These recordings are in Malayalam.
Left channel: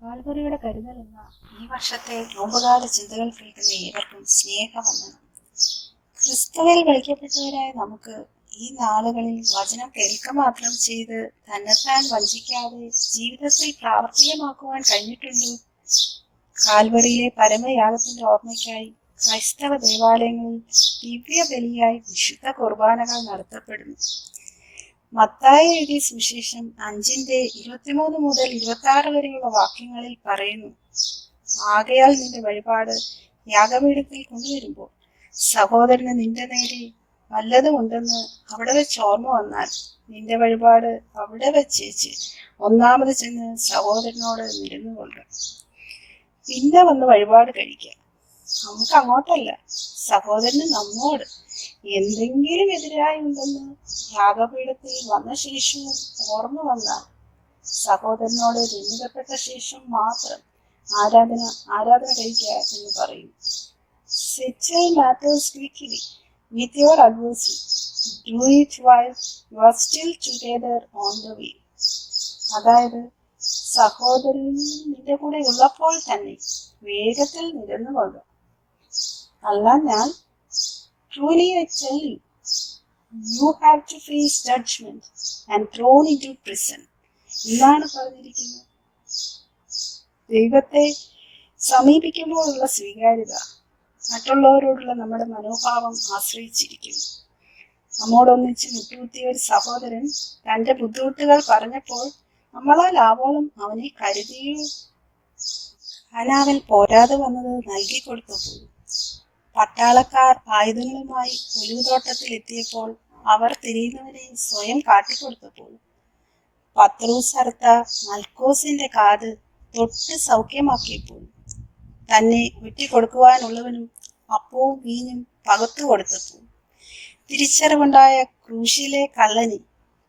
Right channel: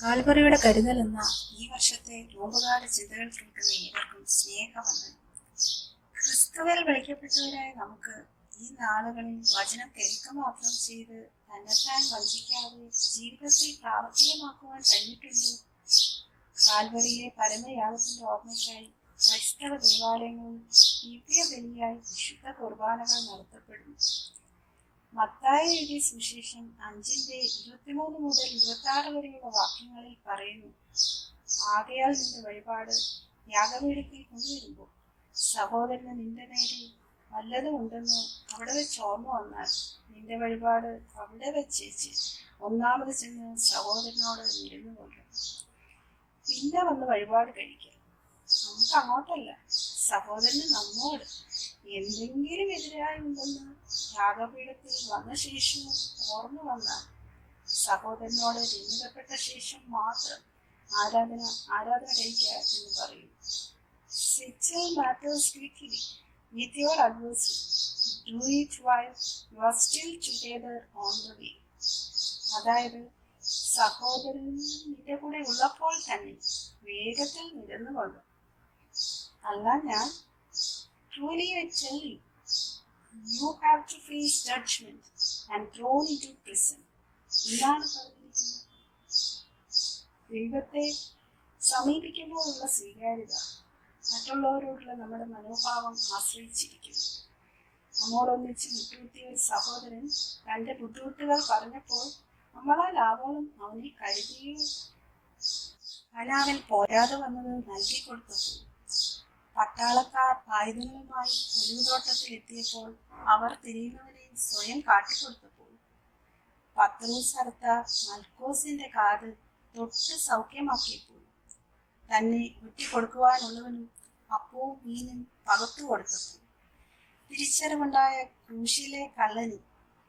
കാൽവറിയുടെ കരുതൽ എന്ന ഈ വർഷത്തെ നോമ്പുകാല ചിന്തകൾ കേൾക്കുന്ന ഏവർക്കും സ്നേഹവന്ദനം. ക്രിസ്തുവിൽ വിളിക്കപ്പെട്ടവരായ നമുക്ക് ഈ നാളുകളിൽ വചനം കേൾക്ക മാത്രം ചെയ്ത് തന്നെത്താൻ വഞ്ചിക്കാതെ ജീവിതത്തിൽ പ്രാവർത്തികമാക്കുവാൻ കഴിഞ്ഞിട്ടുണ്ടോ? കാൽവറിയിലെ പരമയാഗത്തിന്റെ ഓർമ്മയ്ക്കായി ക്രൈസ്തവ ദേവാലയങ്ങളിൽ ദിവ്യ ബലിയായി വിശുദ്ധ കുർബാനകൾ നടത്തപ്പെടുന്നു. മത്തായി എഴുതിയ സുവിശേഷം 5:23 മുതൽ 26 വരെയുള്ള വാക്യങ്ങളിൽ പറയുന്നു, ആകയാൽ നിന്റെ വഴിപാട് യാഗപീഠത്തിൽ കൊണ്ടുവരുമ്പോൾ സഹോദരന് നിന്റെ നേരെ വല്ലതും ഉണ്ടെന്ന് അവിടെ വെച്ച് ഓർമ്മ വന്നാൽ നിന്റെ വഴിപാട് അവിടെ വെച്ചേച്ച് ഒന്നാമത് ചെന്ന് സഹോദരനോട് നിരന്നുകൊള്ളുക. പിന്നെ വന്ന് വഴിപാട് കഴിക്കുക. നമുക്ക് അങ്ങോട്ടല്ല, സഹോദരന് നമ്മോട് എന്തെങ്കിലും എതിരായി ഉണ്ടെന്ന് യാഗപീഠത്തിൽ വന്ന ശേഷവും ഓർമ്മ വന്നാൽ സഹോദരനോട് രമ്യപ്പെട്ട ശേഷം മാത്രം ആരാധന കഴിക്കുക എന്ന് പറയും. Settle matters quickly with your adversary. Do it while you are still together on the way. അതായത് സഹോദരൻ നിന്റെ കൂടെ ഉള്ളപ്പോൾ തന്നെ വേഗത്തിൽ നിരന്നുകൊള്ളുക. അല്ല ഞാൻ truly I tell you, you have to face judgment and thrown into prison. എന്താണ് പറഞ്ഞിരിക്കുന്നത്? ദൈവത്തെ സമീപിക്കുമ്പോഴുള്ള സ്വീകാര്യത മറ്റുള്ളവരോടുള്ള നമ്മുടെ മനോഭാവം ആശ്രയിച്ചിരിക്കുന്നു. നമ്മോടൊന്നിച്ച് മുട്ടുകുത്തിയ ഒരു സഹോദരൻ തന്റെ ബുദ്ധിമുട്ടുകൾ പറഞ്ഞപ്പോൾ നമ്മളാൽ ആവോളം അവനെ കരുതിയോ? അനാവൽ പോരാതെ വന്നത് നൽകി കൊടുത്തപ്പോൾ, പട്ടാളക്കാർ ആയുധങ്ങളുമായി ഒലിവുതോട്ടത്തിൽ എത്തിയപ്പോൾ അവർ തിരിയുന്നവരെ സ്വയം കാട്ടിക്കൊടുത്തപ്പോൾ, പത്രോസ് അറുത്ത മൽക്കോസിന്റെ കാത് തൊട്ട് സൗഖ്യമാക്കിയപ്പോൾ, തന്നെ ഒറ്റിക്കൊടുക്കുവാനുള്ളവനും അപ്പവും വീഞ്ഞും പകർത്തു കൊടുത്തപ്പോൾ, തിരിച്ചറിവുണ്ടായ ക്രൂശിലെ കള്ളനെ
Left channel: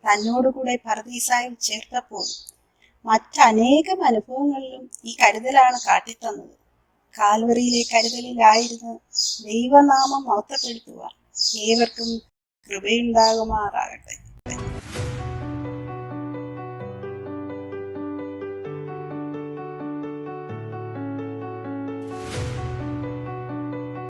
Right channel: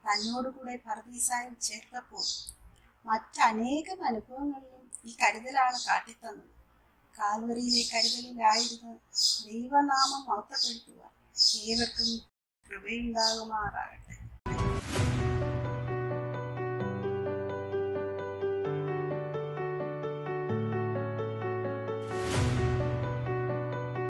തന്നോടുകൂടെ പർദീസായിൽ ചേർത്തപ്പോൾ, മറ്റനേകം അനുഭവങ്ങളിലും ഈ കരുതലാണ് കാട്ടിത്തന്നത്. കാൽവറിയിലെ കരുതലിലായിരുന്നു ദൈവനാമം മഹത്വപ്പെടുത്തുവാൻ ഏവർക്കും കൃപയുണ്ടാകുമാറാകട്ടെ.